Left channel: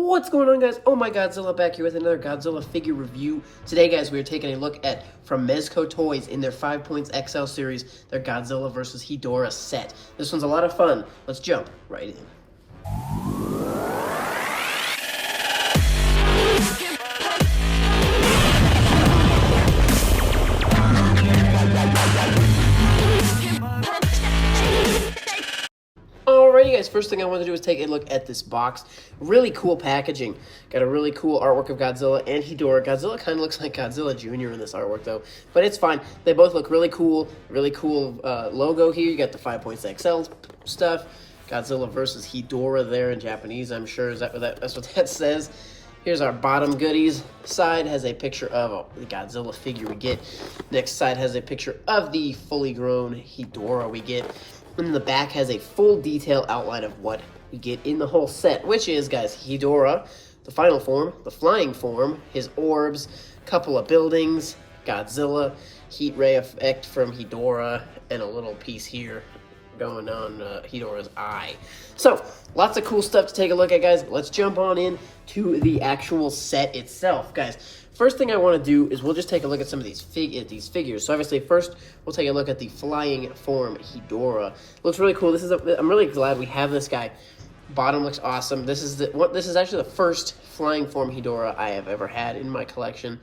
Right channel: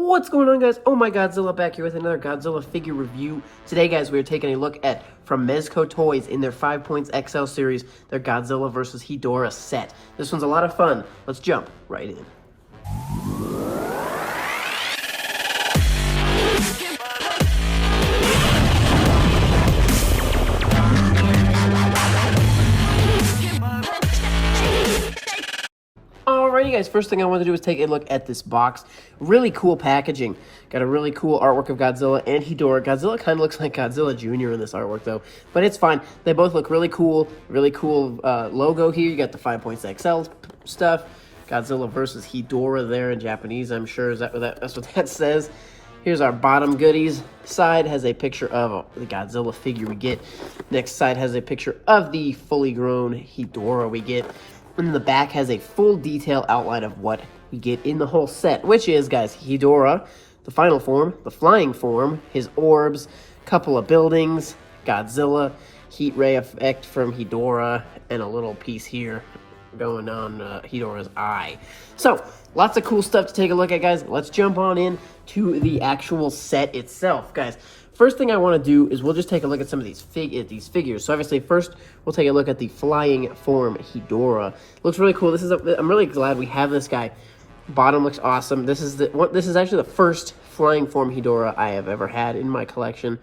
What's going on, guys? Oh my Godzilla, back here with another Godzilla figure review. Today, guys, we're taking a look at, from Mezco Toys, in their 5 Points XL series, their Godzilla vs. Hedorah set. This one's a lot of fun. Let's jump right in. Alrighty, guys, first thing I want to do is take a look at this box. Really cool packaging. Got a really cool artwork of Godzilla and Hedorah. Godzilla kind of looks like Godzilla Jr. in this artwork, though, but it's fine. They both look really cool. Really cool logo here. You got the 5 Points XL stuff. Godzilla versus Hedorah there in Japanese, I'm sure. That's what that says. Here's our bottom goodies. Side has a picture of the Godzilla figure we get. Next side has a picture of the fully grown Hedorah we get. And the back has a full detail outline of what we get in the whole set, which is, guys, Hedorah, the final form, the flying form, his orbs, couple of buildings, Godzilla, heat ray effect from Hedorah, and a little piece here going on Hedorah's eye. So, lots of cool stuff to take a look at, guys. Let's jump on in to the actual set itself, guys. First thing I want to do is we'll just take a look at some of these figures. So obviously, first we'll take a look at the flying form Hedorah. Looks really cool. I'm really glad we have this guy. Bottom looks awesome. This is actually the first flying form Hedorah I have ever had in my collection.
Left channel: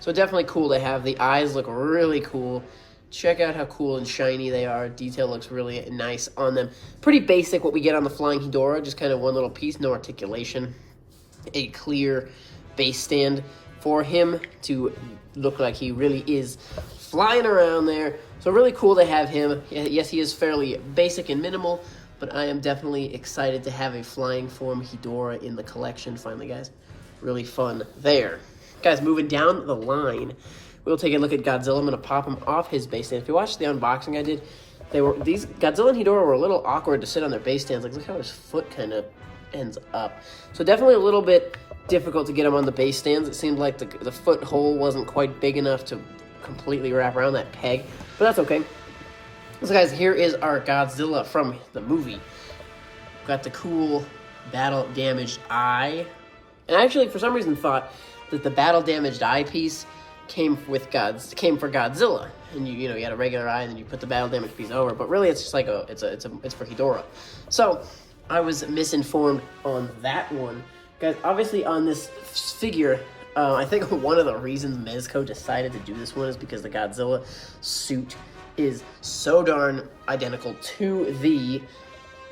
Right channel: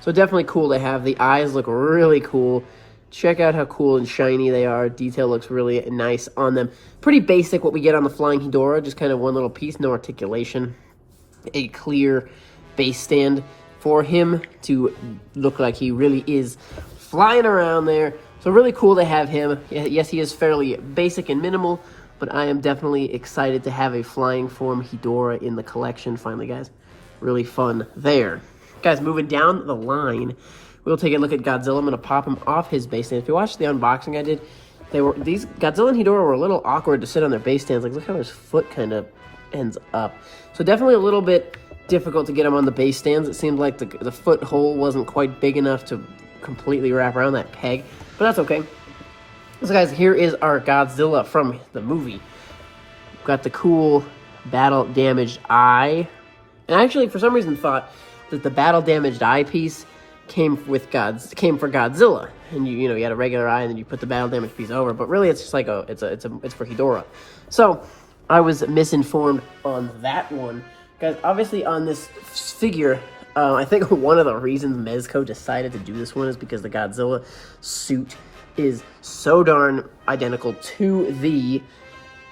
So definitely cool to have. The eyes look really cool. Check out how cool and shiny they are. Detail looks really nice on them. Pretty basic what we get on the flying Hedorah. Just kind of one little piece, no articulation. A clear base stand for him to look like he really is flying around there. So really cool to have him. Yes, he is fairly basic and minimal, but I am definitely excited to have a flying form Hedorah in the collection finally, guys. Really fun there. Guys, moving down the line, we'll take a look at Godzilla. I'm gonna pop him off his base stand. If you watched the unboxing I did, these Godzilla and Hedorah were a little awkward to sit on their base stands. Like, look how his foot kind of ends up. So definitely a little bit difficult to get him on the base stands. It seemed like the foothold wasn't quite big enough to completely wrap around that peg, but that's okay. So guys, here is our Godzilla from the movie. Got the cool battle damaged eye, and I actually for some reason thought that the battle damaged eye piece came for Godzilla, and you had a regular eye and then you put the battle damaged piece over, but really it's just like it's for Hedorah. So I was misinformed on that one. Guys, obviously on this figure, I think one of the reasons Mezco decided to do this one is because the Godzilla suit is so darn identical to the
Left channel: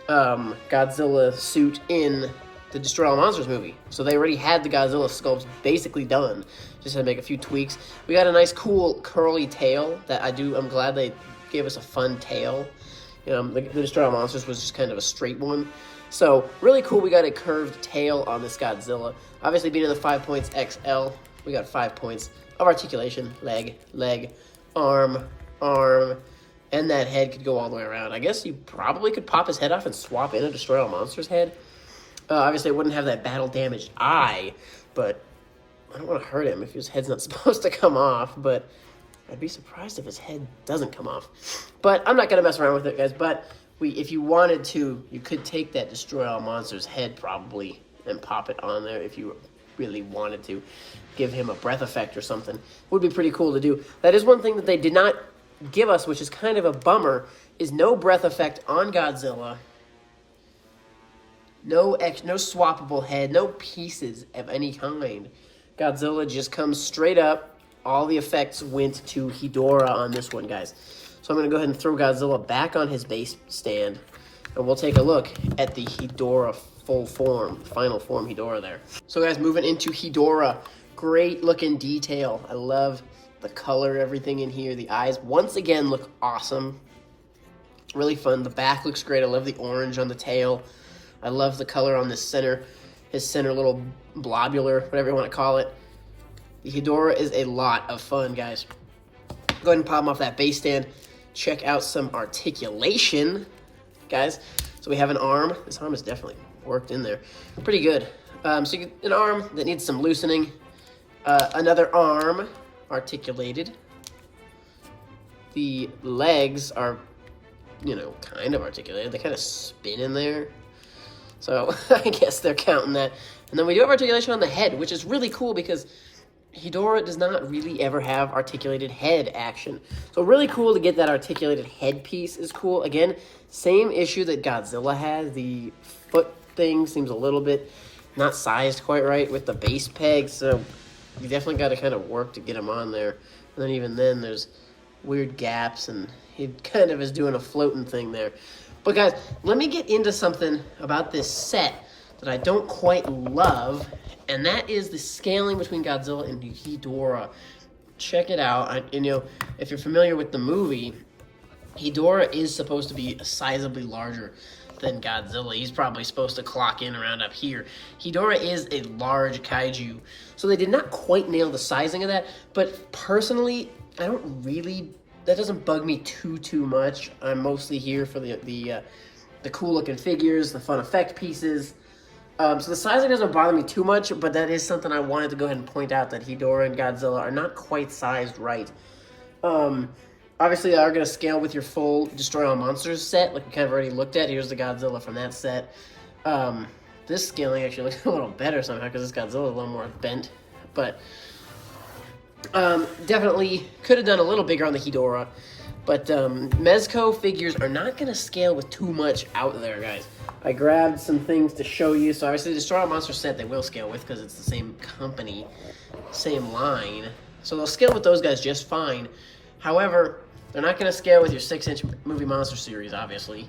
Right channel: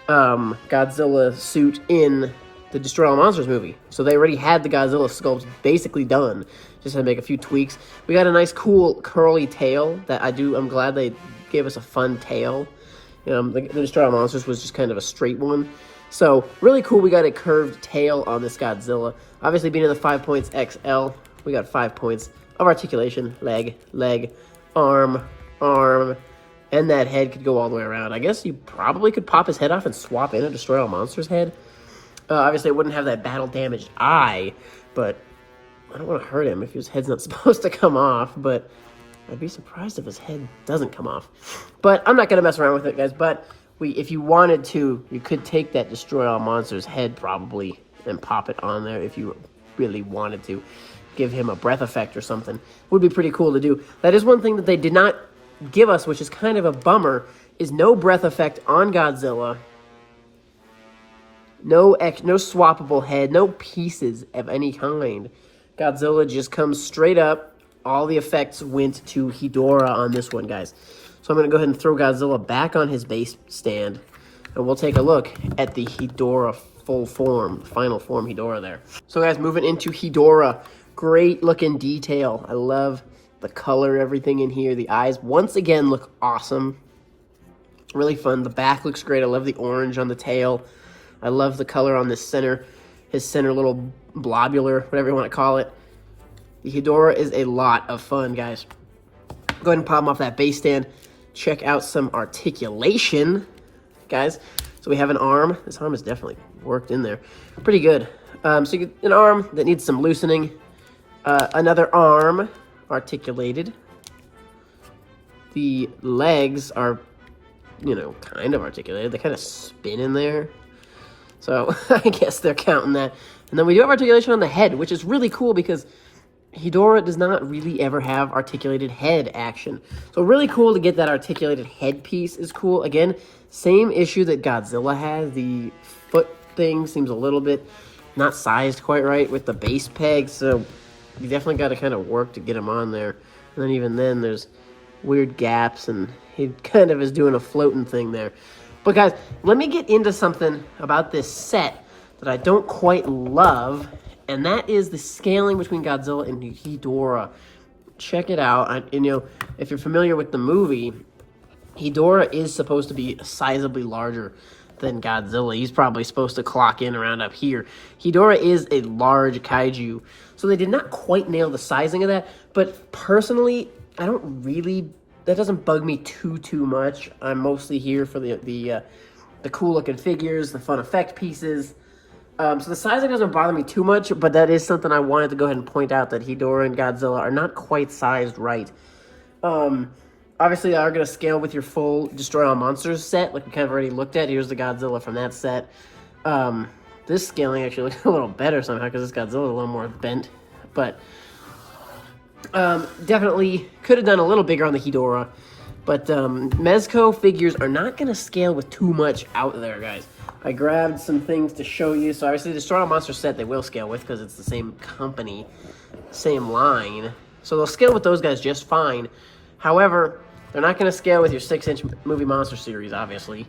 Godzilla suit in the Destroy All Monsters movie. So they already had the Godzilla sculpt basically done. Just had to make a few tweaks. We got a nice cool curly tail that I'm glad they gave us a fun tail. The Destroy All Monsters was just kind of a straight one. So, really cool, we got a curved tail on this Godzilla. Obviously, being in the 5 Points XL, we got 5 points of articulation, leg, arm, and that head could go all the way around. I guess you probably could pop his head off and swap in a Destroy All Monsters head. Obviously, it wouldn't have that battle-damaged eye, but I don't want to hurt him if his head's not supposed to come off, but I'd be surprised if his head doesn't come off. But I'm not going to mess around with it, guys, but if you wanted to, you could take that Destroy All Monsters head probably and pop it on there if you really wanted to. Give him a breath effect or something. Would be pretty cool to do. That is one thing that they did not give us, which is kind of a bummer, is no breath effect on Godzilla. No swappable head, no pieces of any kind. Godzilla just comes straight up. All the effects went to Hedorah on this one, guys. So I'm going to go ahead and throw Godzilla back on his base stand, and we'll take a look at the Hedorah full form, final form Hedorah there. So guys, moving into Hedorah, great looking detail. I love the color, everything in here. The eyes, once again, look awesome. Really fun. The back looks great. I love the orange on the tail. I love the color on this his center little blobular, whatever you want to call it. The Hedorah is a lot of fun, guys. Go ahead and pop him off that base stand. Check out some articulation, guys. So we have an arm. This arm is definitely worked in there. Pretty good. So you get an arm that needs some loosening. Another arm, articulated. The legs are, kind of articulated. They kind of spin in there. So I guess they're counting that. And then we do have articulation on the head, which is really cool because Hedorah does not really ever have articulated head action. So really cool to get that articulated head piece is cool. Again, same issue that Godzilla has. The foot thing seems a little bit not sized quite right with the base peg. So you definitely got to kind of work to get him on there. And then even then there's weird gaps and he kind of is doing a floating thing there. But guys, let me get into something about this set that I don't quite love, and that is the scaling between Godzilla and Hedorah. Check it out. And you know, if you're familiar with the movie, Hedorah is supposed to be sizably larger than Godzilla. He's probably supposed to clock in around up here. Hedorah is a large kaiju, so they did not quite nail the sizing of that, but personally, I don't really, that doesn't bug me too much. I'm mostly here for the cool looking figures, the fun effect pieces. So the sizing doesn't bother me too much, but that is something I wanted to go ahead and point out, that Hedorah and Godzilla are not quite sized right. Obviously, they are going to scale with your full Destroy All Monsters set, like we kind of already looked at. Here's the Godzilla from that set. This scaling actually looks a little better somehow because this Godzilla is a little more bent, but definitely could have done a little bigger on the Hedorah. But Mezco figures are not going to scale with too much out there, guys. I grabbed some things to show you. So obviously the Destroy All Monsters set they will scale with because it's the same company, same line. So they'll scale with those guys just fine. However, they're not going to scale with your 6-inch movie monster series, obviously.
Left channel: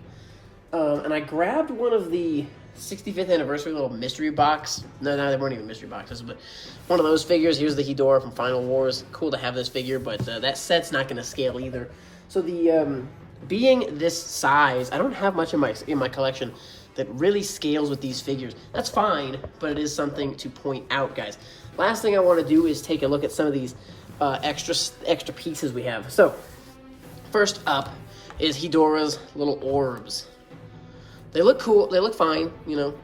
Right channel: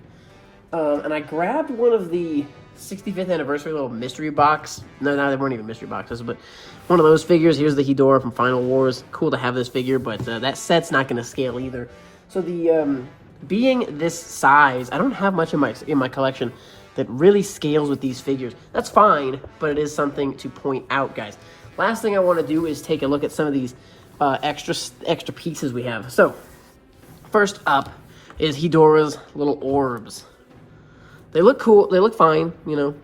And I grabbed one of the 65th anniversary little mystery box. No, they weren't even mystery boxes, but one of those figures. Here's the Hedorah from Final Wars. Cool to have this figure, but that set's not going to scale either. So the being this size, I don't have much in my collection that really scales with these figures. That's fine, but it is something to point out, guys. Last thing I want to do is take a look at some of these extra pieces we have. So first up is Hedorah's little orbs. They look cool. They look fine, you know,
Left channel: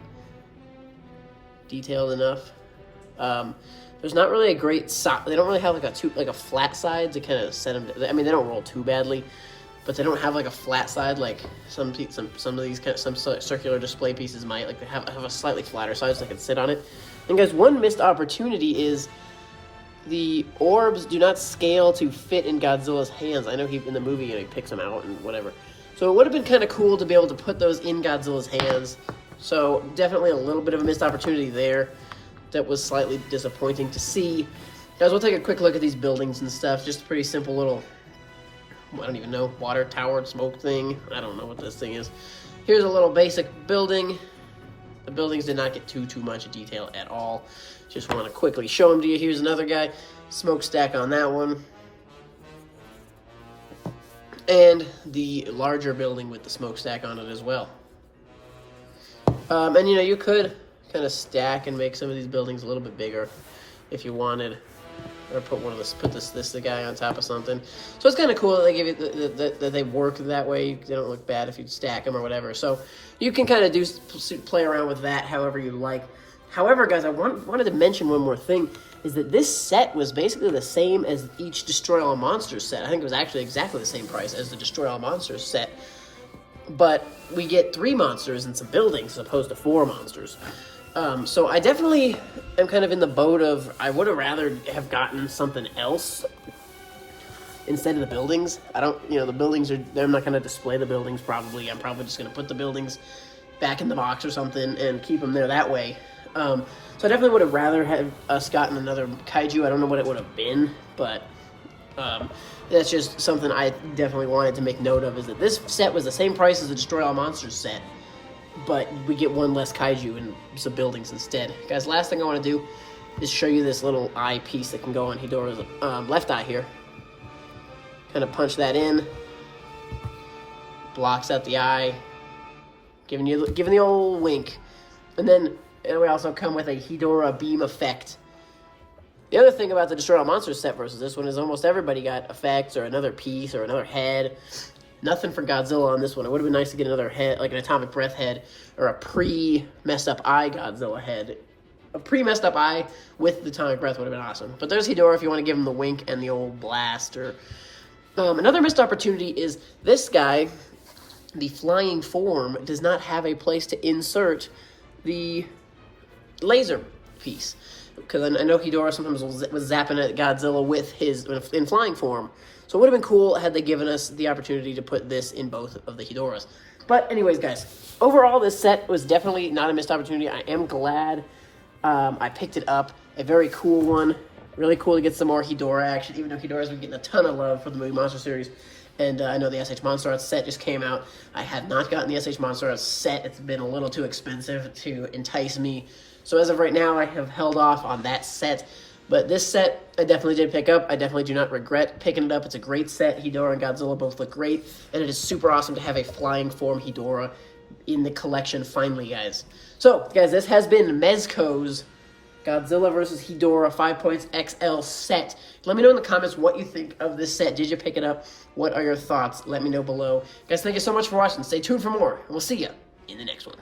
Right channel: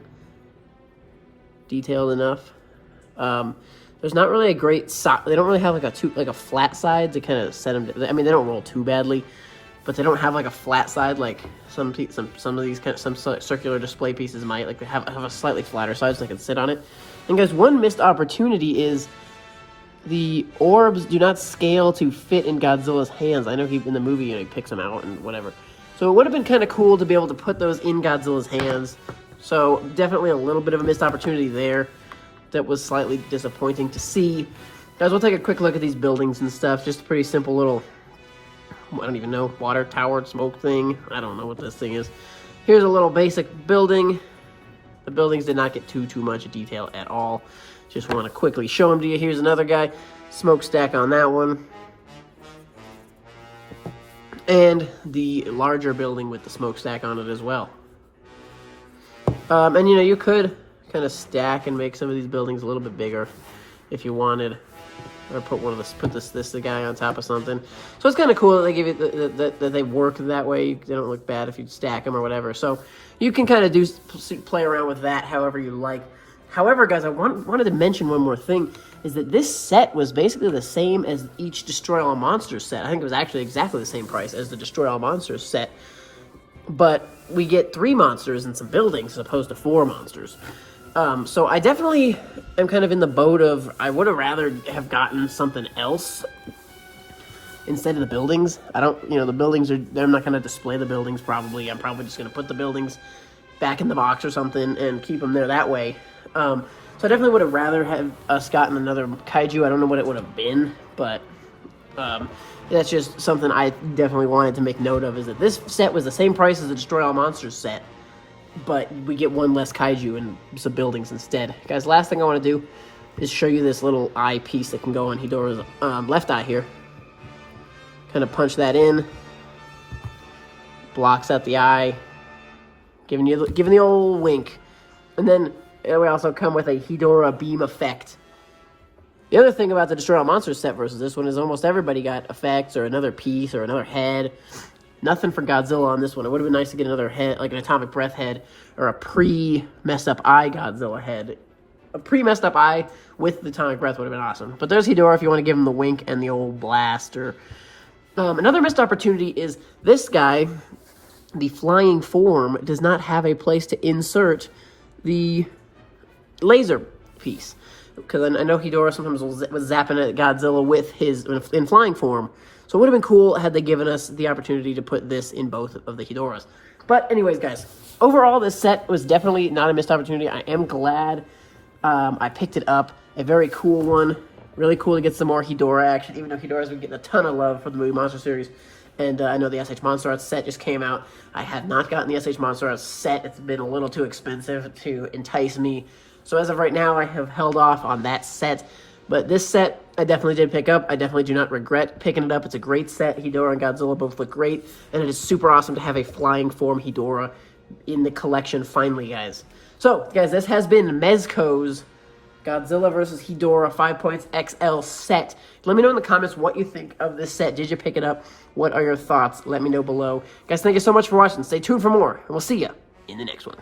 detailed enough. There's not really a great they don't really have like a flat side to kind of set them. I mean, they don't roll too badly, but they don't have like a flat side like some of these some circular display pieces might. Like they have a slightly flatter side so they can sit on it. And guys, one missed opportunity is the orbs do not scale to fit in Godzilla's hands. I know in the movie he picks them out and whatever. So it would have been kind of cool to be able to put those in Godzilla's hands. So definitely a little bit of a missed opportunity there. That was slightly disappointing to see. Guys, we'll take a quick look at these buildings and stuff. Just a pretty simple little, I don't even know, water tower smoke thing. I don't know what this thing is. Here's a little basic building. The buildings did not get too much detail at all. Just want to quickly show them to you. Here's another guy. Smokestack on that one. And the larger building with the smokestack on it as well. And you know, you could kind of stack and make some of these buildings a little bit bigger if you wanted, or put this guy on top of something. So it's kind of cool that they give it that they work that way. They don't look bad if you stack them or whatever. So you can kind of play around with that however you like. However, guys, I wanted to mention one more thing, is that this set was basically the same as each Destroy All Monsters set. I think it was actually exactly the same price as the Destroy All Monsters set, but we get 3 monsters and some buildings as opposed to 4 monsters. So I definitely am kind of in the boat of, I would have rather have gotten something else instead of the buildings. I don't, you know, the buildings are, I'm not going to display the buildings probably. I'm probably just going to put the buildings back in the box or something and keep them there that way. So I definitely would have rather have us gotten another kaiju. I don't know what it would have been, but that's just something I definitely wanted to make note of, is that this set was the same price as the Destroy All Monsters set, but we get 1 less kaiju and some buildings instead. Guys, last thing I want to do is show you this little eye piece that can go on Hedorah's left eye here. Kind of punch that in. Blocks out the eye. Giving the old wink. And then we also come with a Hedorah beam effect. The other thing about the Destroy All Monsters set versus this one is almost everybody got effects or another piece or another head. Nothing for Godzilla on this one. It would have been nice to get another head, like an atomic breath head, or a pre-messed up eye Godzilla head. A pre-messed up eye with the atomic breath would have been awesome. But there's Hedorah if you want to give him the wink and the old blast. Or another missed opportunity is this guy, the flying form, does not have a place to insert the laser piece. Because I know Hedorah sometimes was zapping at Godzilla with his, in flying form. So it would have been cool had they given us the opportunity to put this in both of the Hedorahs. But anyways, guys, overall this set was definitely not a missed opportunity. I am glad I picked it up. A very cool one. Really cool to get some more Hedorah action, even though Hedorah's been getting a ton of love for the movie Monster series. And I know the SH Monster Arts set just came out. I have not gotten the SH Monster Arts set. It's been a little too expensive to entice me. So as of right now, I have held off on that set. But this set, I definitely did pick up. I definitely do not regret picking it up. It's a great set. Hedorah and Godzilla both look great. And it is super awesome to have a flying form Hedorah in the collection finally, guys. So, guys, this has been Mezco's Godzilla vs. Hedorah 5 points XL set. Let me know in the comments what you think of this set. Did you pick it up? What are your thoughts? Let me know below. Guys, thank you so much for watching. Stay tuned for more, and we'll see you in the next one.